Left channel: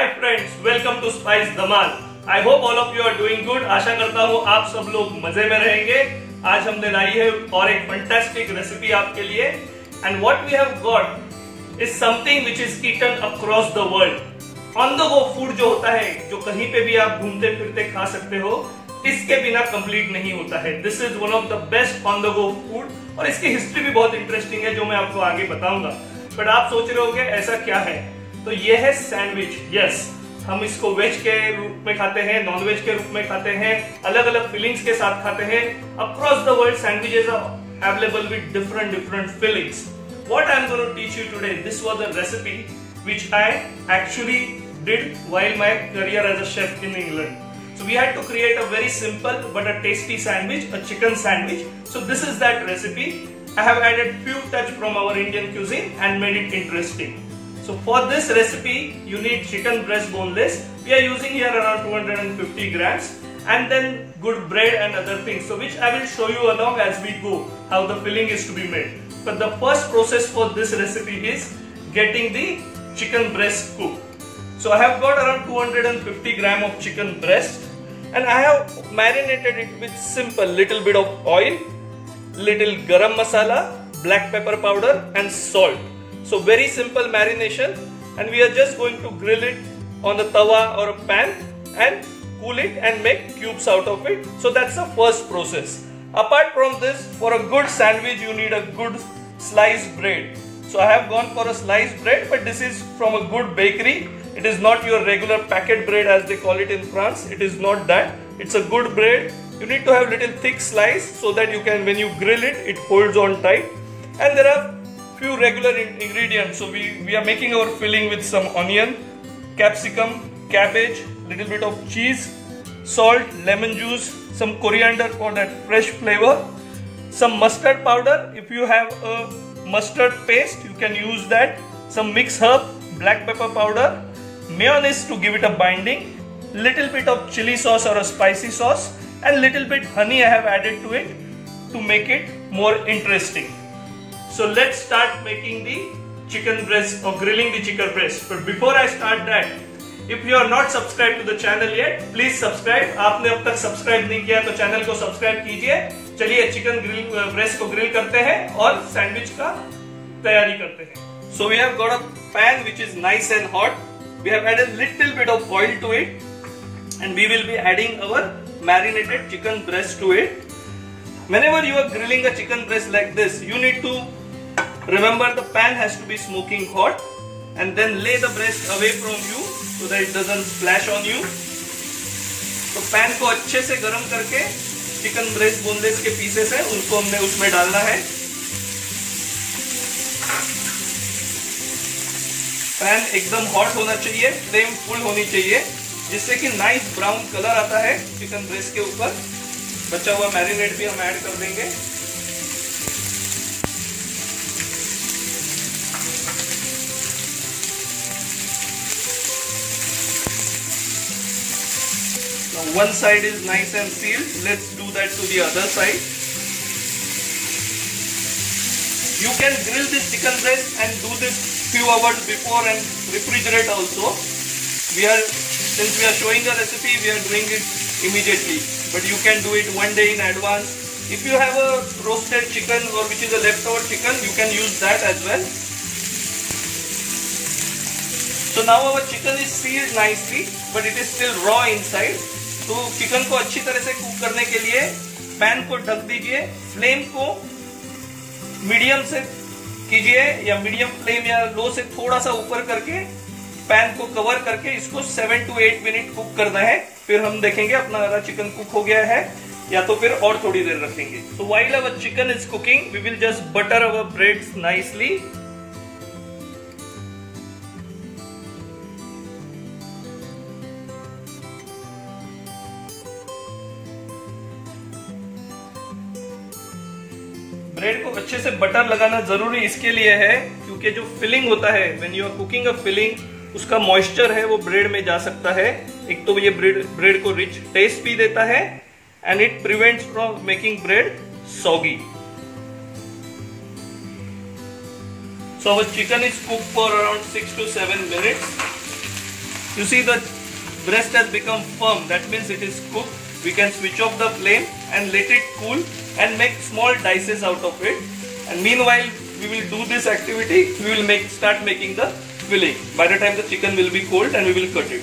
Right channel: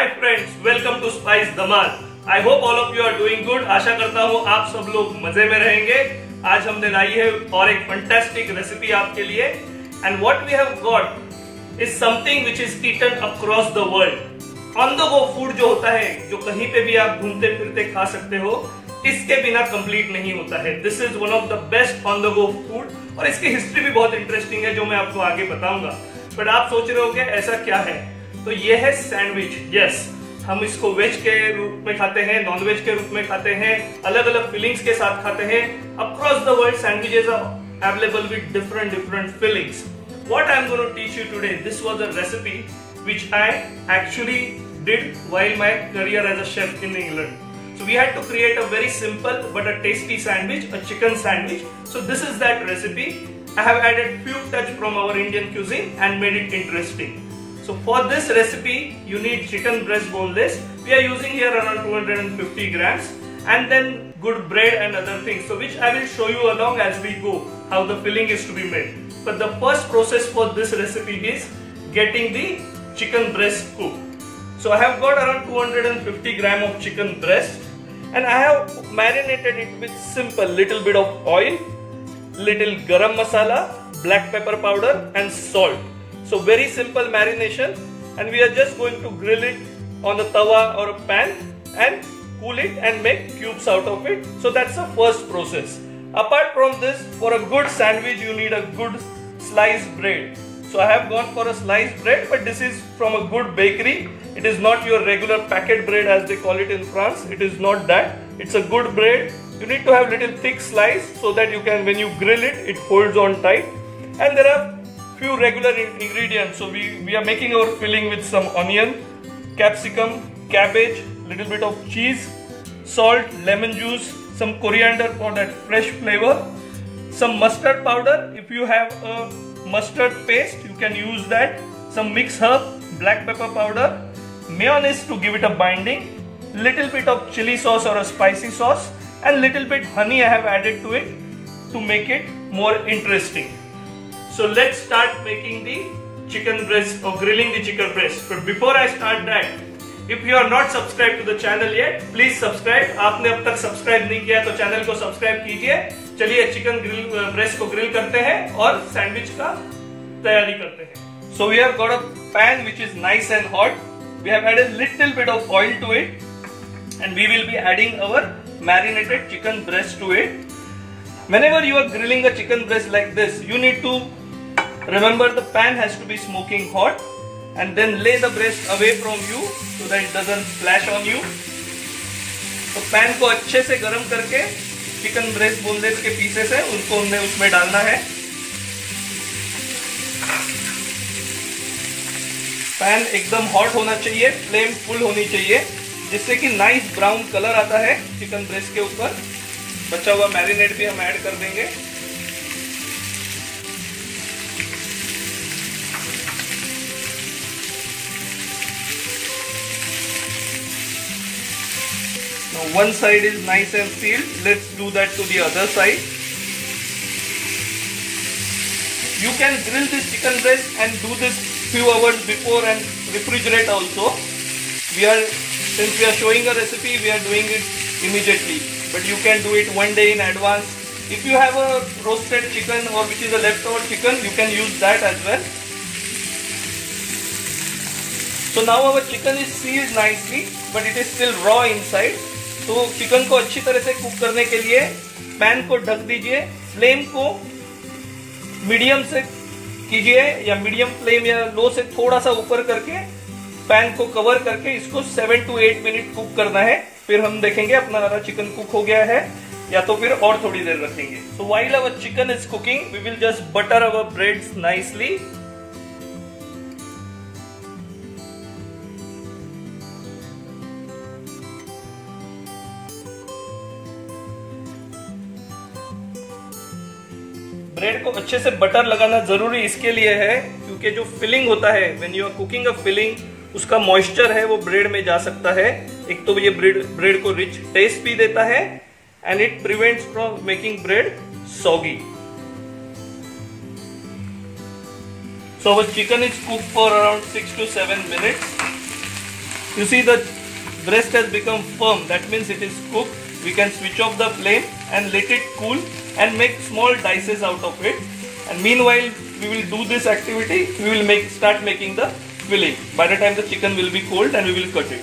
Hi friends, welcome to Spice Dhamaal. I hope all of you are doing good. आशा करता हूँ आप सब लोग मजे में रहेंगे। आज हमने लाई है और एक फैंटास्टिक रेसिपी आपके लिए। And what we have got is something which is eaten across the world. On the go food जो होता है, जो कहीं पे भी आप घूमते फिरते खा सकते हो, इसके बिना कंप्लीट नहीं होता है। This is one of the best on the go food और इसकी हिस्ट्री भी बहुत इंटरेस्टिंग है, जो मैं आपको आगे बताऊंगा। बट आप सोच रहे होंगे ऐसा क्या है, तो ये है सैंडविच। यस, हम इसको वेज के रूप में खाते हैं, नॉन वेज के रूप में खाते हैं, अलग अलग फीलिंग्स के साथ खाते हैं। Across the world sandwiches are available with different fillings. What I'm going to teach you today, this was a recipe which I actually did while my career as a chef in England. So we had to create a very simple but a tasty sandwich, a chicken sandwich. So this is that recipe. I have added few touch from our Indian cuisine and made it interesting. So for this recipe, you need chicken breast boneless. We are using here around 250 grams. And then good bread and other things, so which I will show you along as we go how the filling is to be made. But the first process for this recipe is getting the chicken breast cooked. So I have got around 250 gram of chicken breast and I have marinated it with simple little bit of oil, little garam masala, black pepper powder and salt. So very simple marination, and we are just going to grill it on a tawa or a pan and cool it and make cubes out of it. So that's the first process. Apart from this, for a good sandwich you need a good sliced bread. So I have gone for a sliced bread, but this is from a good bakery. It is not your regular packet bread as they call it in France. It is not that. It's a good bread. You need to have little thick slice so that you can, when you grill it, it holds on tight. And there are few regular ingredients. So we are making our filling with some onion, capsicum, cabbage, little bit of cheese, salt, lemon juice, some coriander for that fresh flavor, some mustard powder. If you have a mustard paste, you can use that. Some mixed herb, black pepper powder, mayonnaise to give it a binding, little bit of chili sauce or a spicy sauce, and little bit honey I have added to it to make it more interesting. So let's start making the chicken breast or grilling the chicken breast. But before I start that, if you are not subscribed to the channel yet, please subscribe. आपने अब तक subscribe नहीं किया तो channel को subscribe कीजिए। चलिए chicken breast को ग्रिल करते हैं और सैंडविच का तैयारी करते हैं। So we have got a pan which is nice and hot. We have added little bit of oil to it, and we will be adding our marinated chicken breast to it. Whenever you are grilling a chicken breast like this, you need to remember the pan has to be smoking hot, and then lay the breast away from you so that it doesn't splash on you. तो pan को अच्छे से गर्म करके chicken breast boneless के pieces है उनको हमने उसमें डालना है। पैन एकदम हॉट होना चाहिए, फ्लेम फुल होनी चाहिए, जिससे कि नाइस ब्राउन कलर आता है चिकन ब्रेस्ट के ऊपर। बचा हुआ मैरिनेट भी हम ऐड कर देंगे। Now one side is nice and sealed. Let's do that to the other side. You can grill this chicken breast and do this few hours before and refrigerate also. Since we are showing a recipe, we are doing it immediately. But you can do it one day in advance. If you have a roasted chicken or which is a leftover chicken, you can use that as well. So now our chicken is sealed nicely, but it is still raw inside. तो chicken को अच्छी तरह से cook करने के लिए pan को ढक दीजिए, फ्लेम को मीडियम से कीजिए या मीडियम फ्लेम या लो से थोड़ा सा ऊपर करके पैन को कवर करके इसको 7 to 8 मिनट कुक करना है। फिर हम देखेंगे अपना हमारा चिकन कुक हो गया है या तो फिर और थोड़ी देर रखेंगे। So while our chicken is cooking, we will just butter our breads nicely. Bread को अच्छे से बटर लगाना जरूरी इसके लिए है क्योंकि जो फिलिंग होता है, when you are cooking a filling, उसका मॉइस्चर है वो ब्रेड में जा सकता है। एक तो ये ब्रेड को रिच टेस्ट भी देता है and it prevents from making bread soggy. So our chicken is cooked for around 6 to 7 minutes. You see the breast has become firm. That means it is cooked. We can switch off the flame and let it cool and make small dices out of it. And meanwhile, we will do this activity. We will start making the filling. By the time the chicken will be cold, and we will cut it.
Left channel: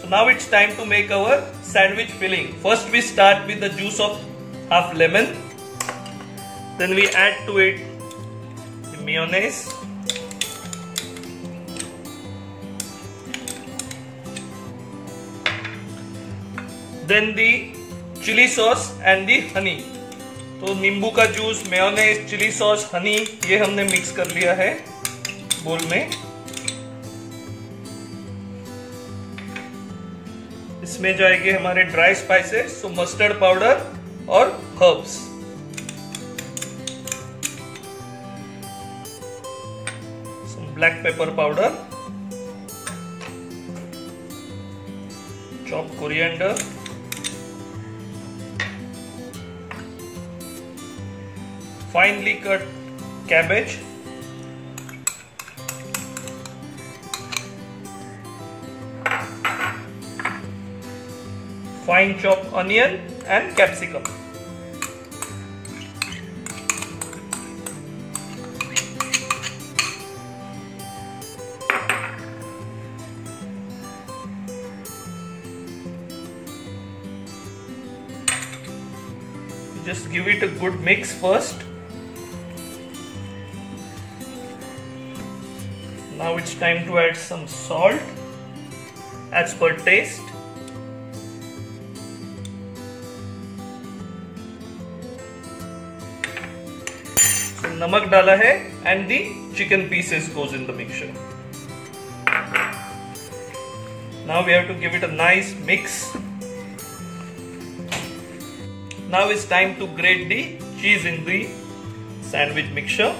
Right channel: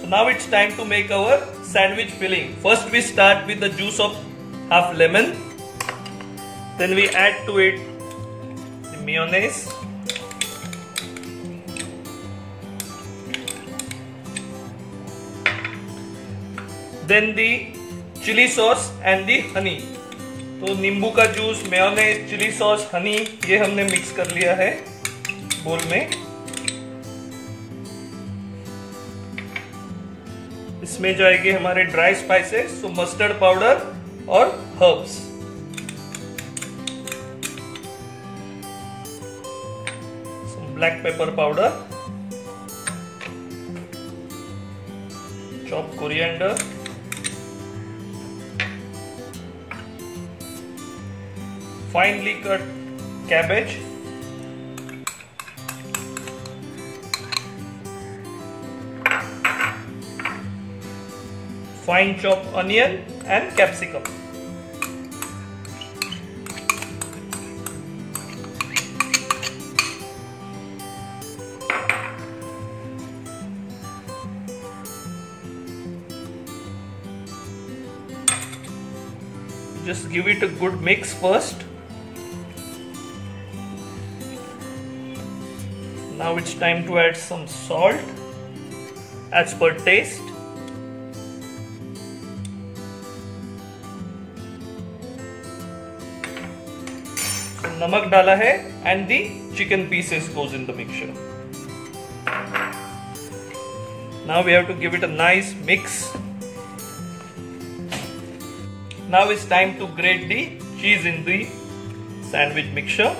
So now it's time to make our sandwich filling. First we start with the juice of half lemon. Then we add to it the mayonnaise. Then the chili sauce and the honey. तो नींबू का juice, mayonnaise, chilli sauce, honey ये हमने mix कर लिया है बोल में. इसमें जाएंगे हमारे ड्राई स्पाइसेस, तो मस्टर्ड पाउडर और herbs. Black pepper powder, chop coriander, finely cut cabbage, fine chopped onion and capsicum. Just give it a good mix first. Now it's time to add some salt as per taste. So namak डाला है and the chicken pieces goes in the mixture. Now we have to give it a nice mix. Now it's time to grate the cheese in the sandwich mixture.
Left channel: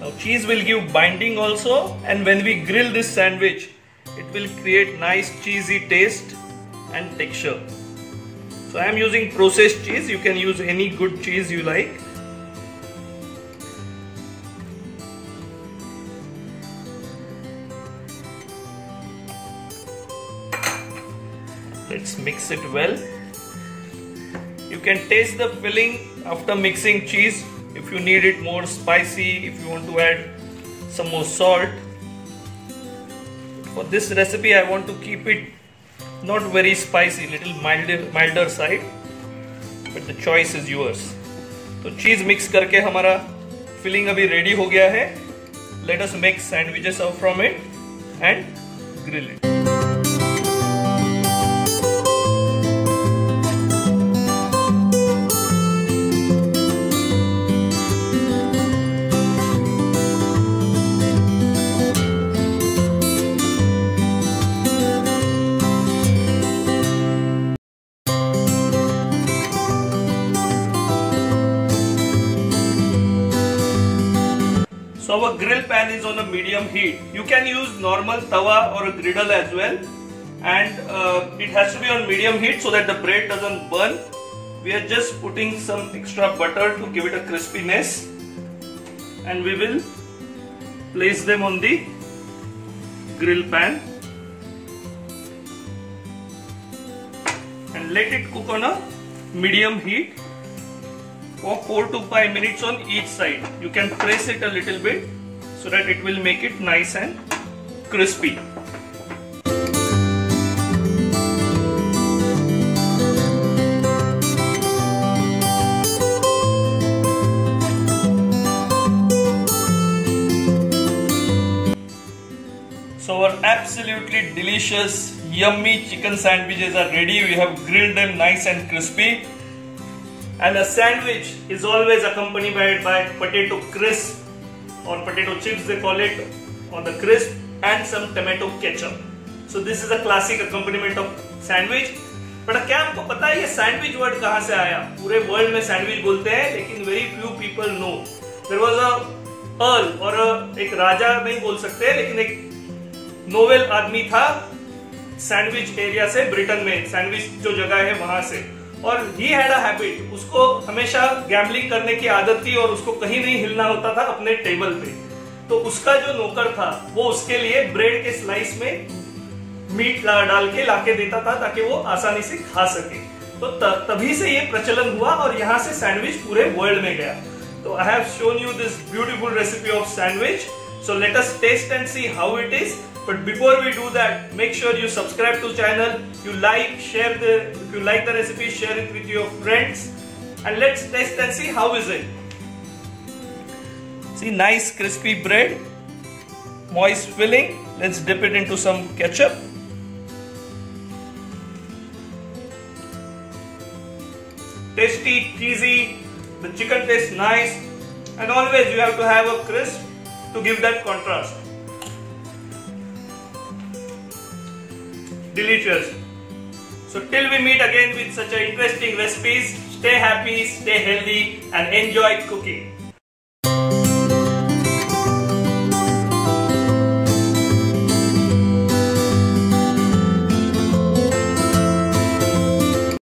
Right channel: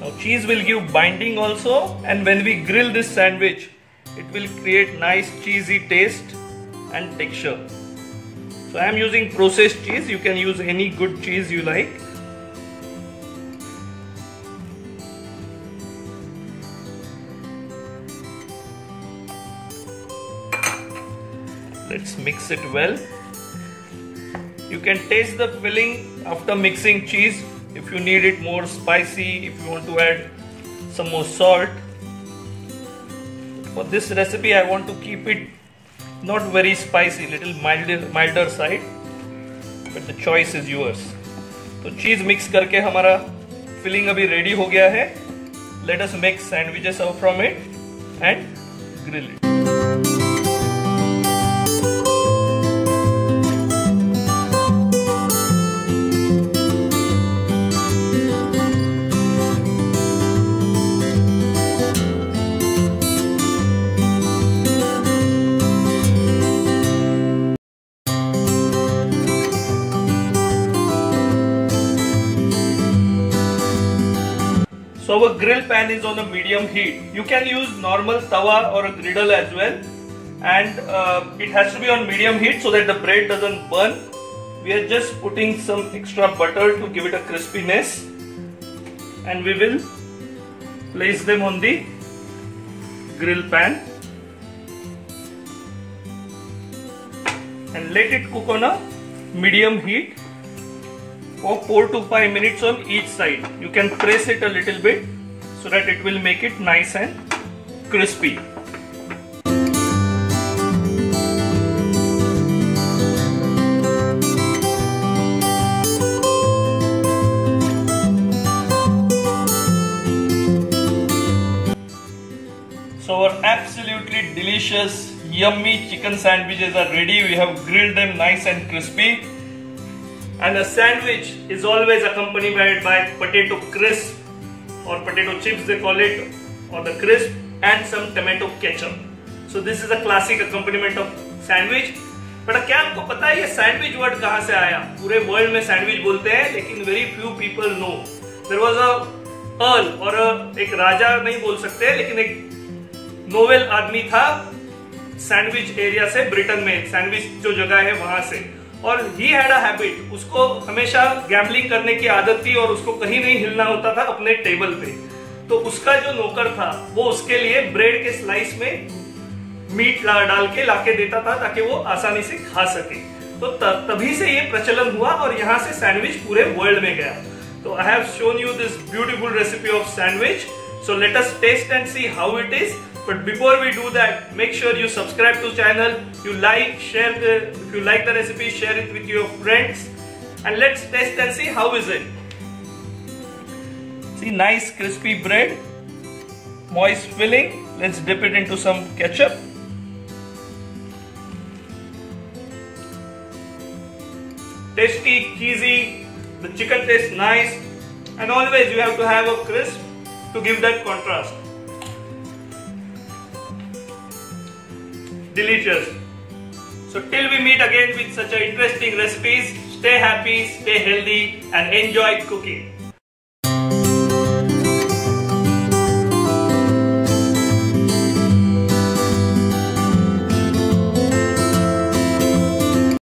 Now cheese will give binding also, and when we grill this sandwich, it will create nice cheesy taste and texture. So I am using processed cheese. You can use any good cheese you like. Let's mix it well. You can taste the filling after mixing cheese. If you need it more spicy, if you want to add some more salt. For this recipe I want to keep it not very spicy, little milder side, but the choice is yours. तो cheese mix करके हमारा filling अभी ready हो गया है. Let us make sandwiches out from it and grill it. So our grill pan is on a medium heat. You can use normal tawa or a griddle as well, and it has to be on medium heat so that the bread doesn't burn. We are just putting some extra butter to give it a crispiness, and we will place them on the grill pan and let it cook on a medium heat for 4 to 5 minutes on each side. You can press it a little bit so that it will make it nice and crispy. So our absolutely delicious, yummy chicken sandwiches are ready. We have grilled them nice and crispy. And a sandwich is always accompanied by potato crisp or potato chips they call it, or the crisp, and some tomato ketchup. So this is a classic accompaniment of sandwich. But क्या आपको पता है ये sandwich word कहाँ से आया? पूरे world में sandwich बोलते हैं, लेकिन very few people know. There was a earl और एक राजा नहीं बोल सकते, लेकिन एक नोवेल आदमी था सैंडविच एरिया से, ब्रिटेन में सैंडविच जो जगह है वहां से, और ही हैड अ हैबिट, उसको हमेशा गैम्बलिंग करने की आदत थी और उसको कहीं नहीं हिलना होता था अपने टेबल पे। तो उसका जो नौकर था वो उसके लिए ब्रेड के स्लाइस में मीट डाल के लाके देता था ताकि वो आसानी से खा सके। तो तभी से ये प्रचलन हुआ और यहाँ से सैंडविच पूरे वर्ल्ड में गया। तो I have shown you this beautiful recipe of sandwich, so let us taste and see how it is. But before we do that, make sure you subscribe to channel, you like, share if you like the recipe, share it with your friends, and let's test and see how is it. See, nice crispy bread, moist filling. Let's dip it into some ketchup. Tasty, cheesy, the chicken tastes nice, and always you have to have a crisp to give that contrast. Delicious. So till we meet again with such a interesting recipes, stay happy, stay healthy, and enjoy cooking.